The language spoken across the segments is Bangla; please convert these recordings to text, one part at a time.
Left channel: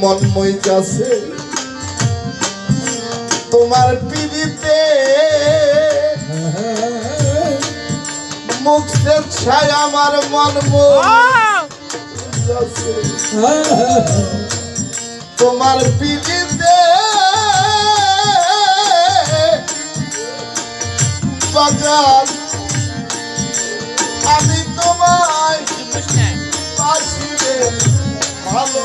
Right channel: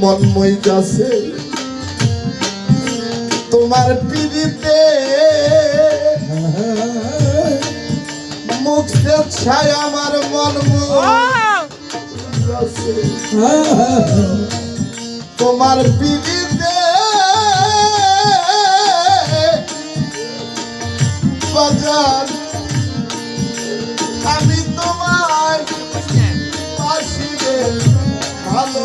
মন মই যাচ্ছে তোমার পিড়িতে মুখ ছায় আমার মন মই তোমার পিড়িতে বাজার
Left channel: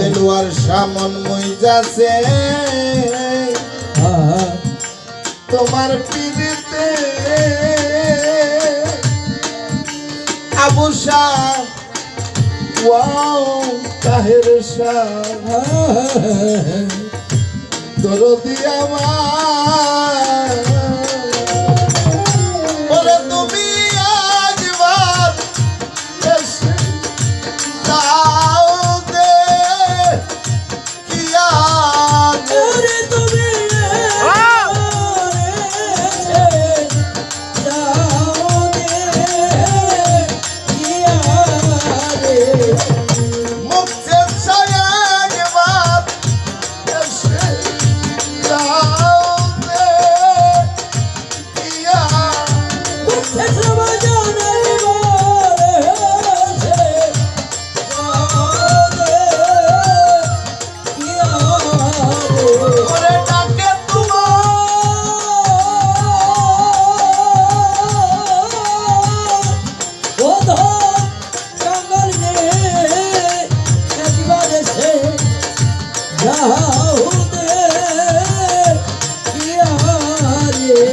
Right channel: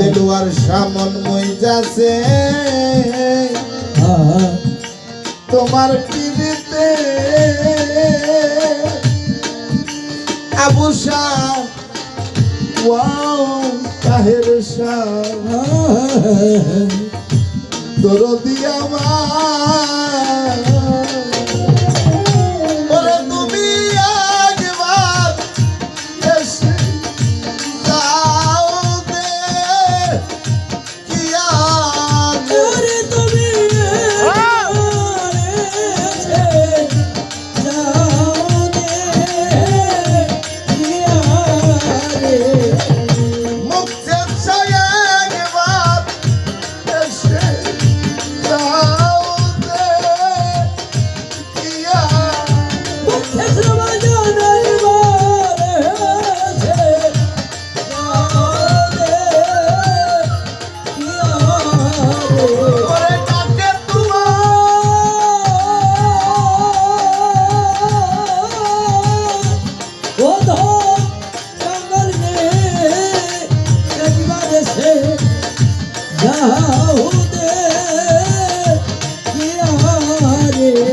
দেলুয়ার সামন মই যাচ্ছে তোমার পিড়িতে আবু শাহ ওয়াও তাহের শাহ। দরদি আমার।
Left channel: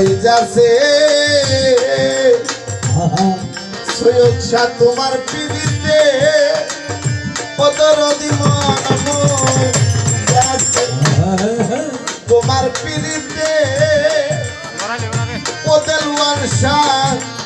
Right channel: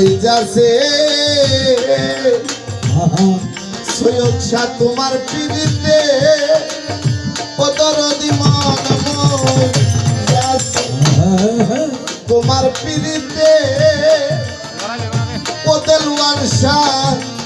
মই যাচ্ছে সৈয়দ শাহ তোমার পিড়িতে পদরদি তোমার পিড়িতে পদেলুয়ার শাহ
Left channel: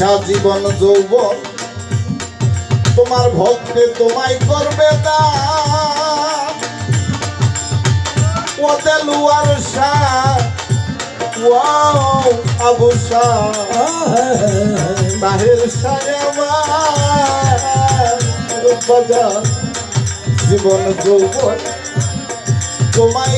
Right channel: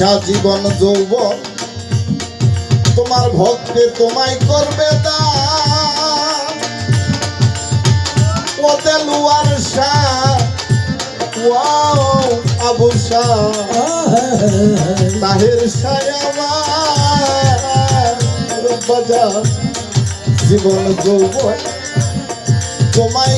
আশা জীবন যৌব তোমার ভক্তে তোমায় করবে দালুয়ার জীবন যৌব তোমায়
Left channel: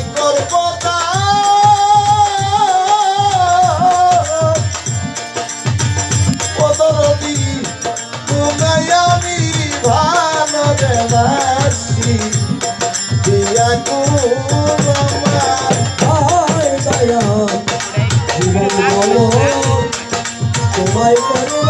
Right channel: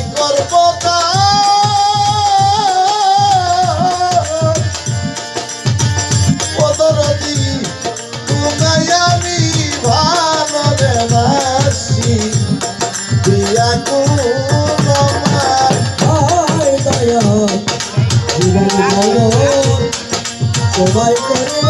তোমায়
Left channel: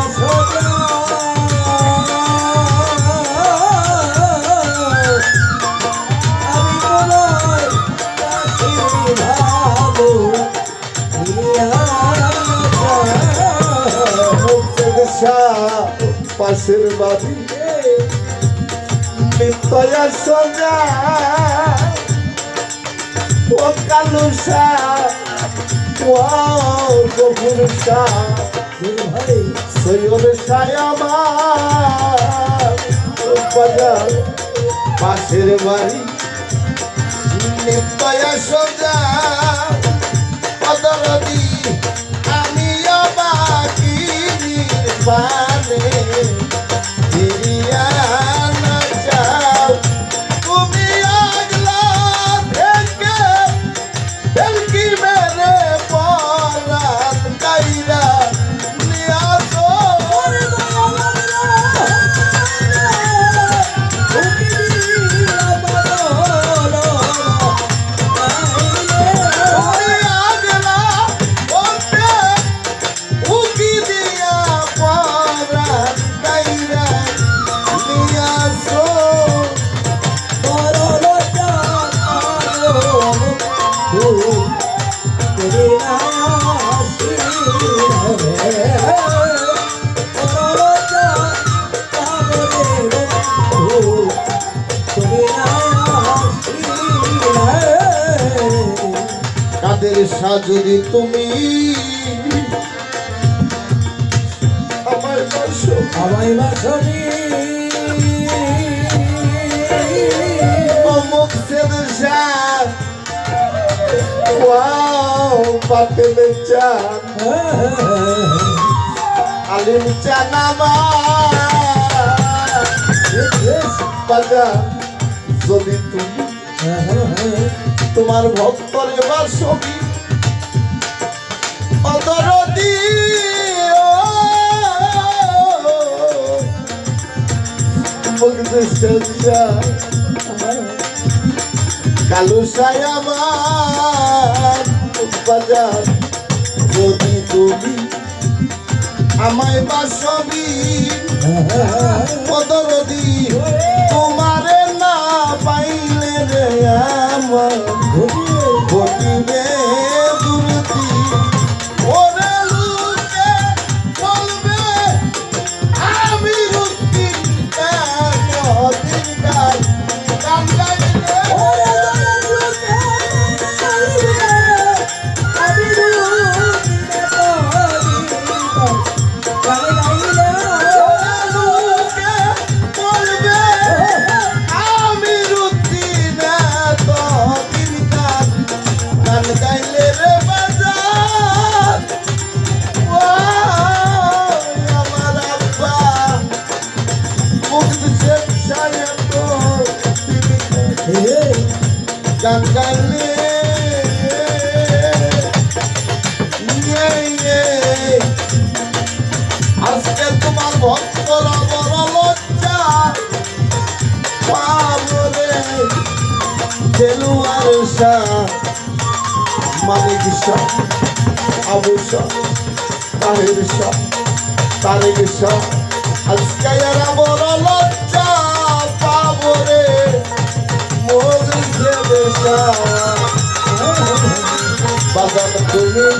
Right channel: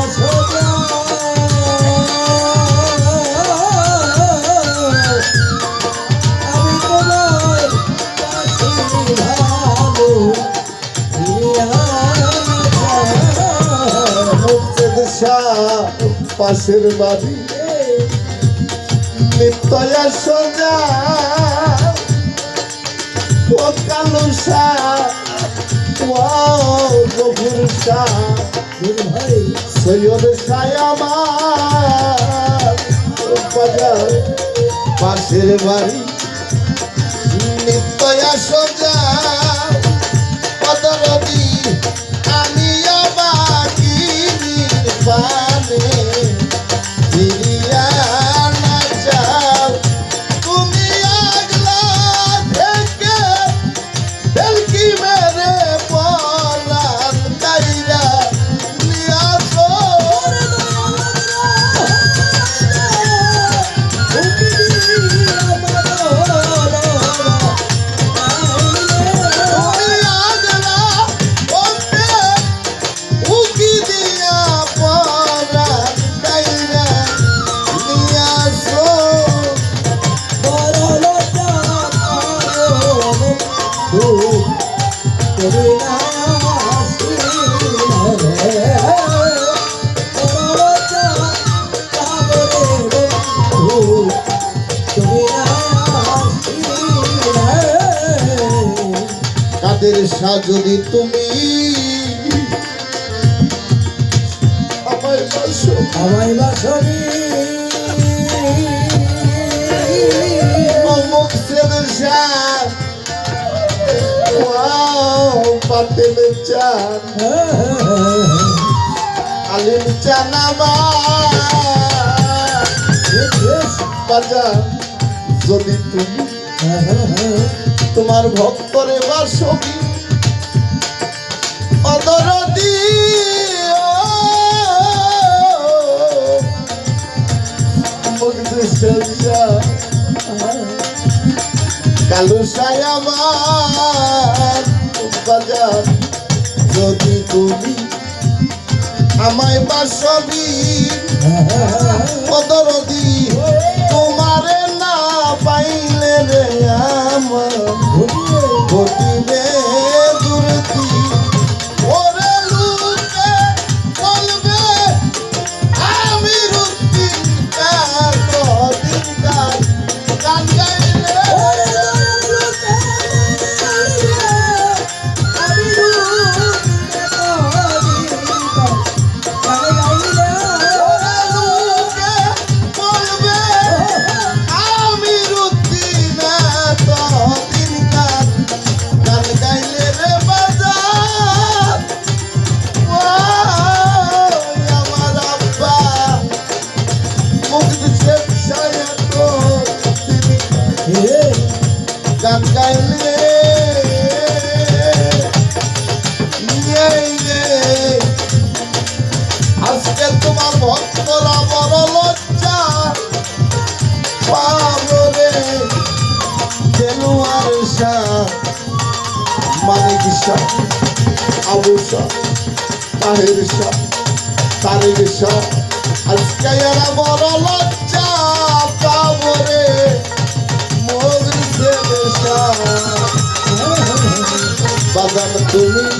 দেশের বাড়ি নিত্যয়া সোজা পোকালু গভীর ভাই সৈয়দ সায়ামা বাজার পাশের বাড়ি নিত্যয়া সোজা। যদি তুমি আমায় বাসনি যদি তুমি হ্যাঁ, হ্যাঁ, হ্যাঁ। তোমার ভক্তরে বাসবি আমার উৎপাদন যদি তুমি আমায় বাসবি কদর শাহ মানিক শাহ আবু শাহ, তাহির শাহ, তারিক আজকে এরা বড় লজ্জা পাবরে দেবে বাগান তুমি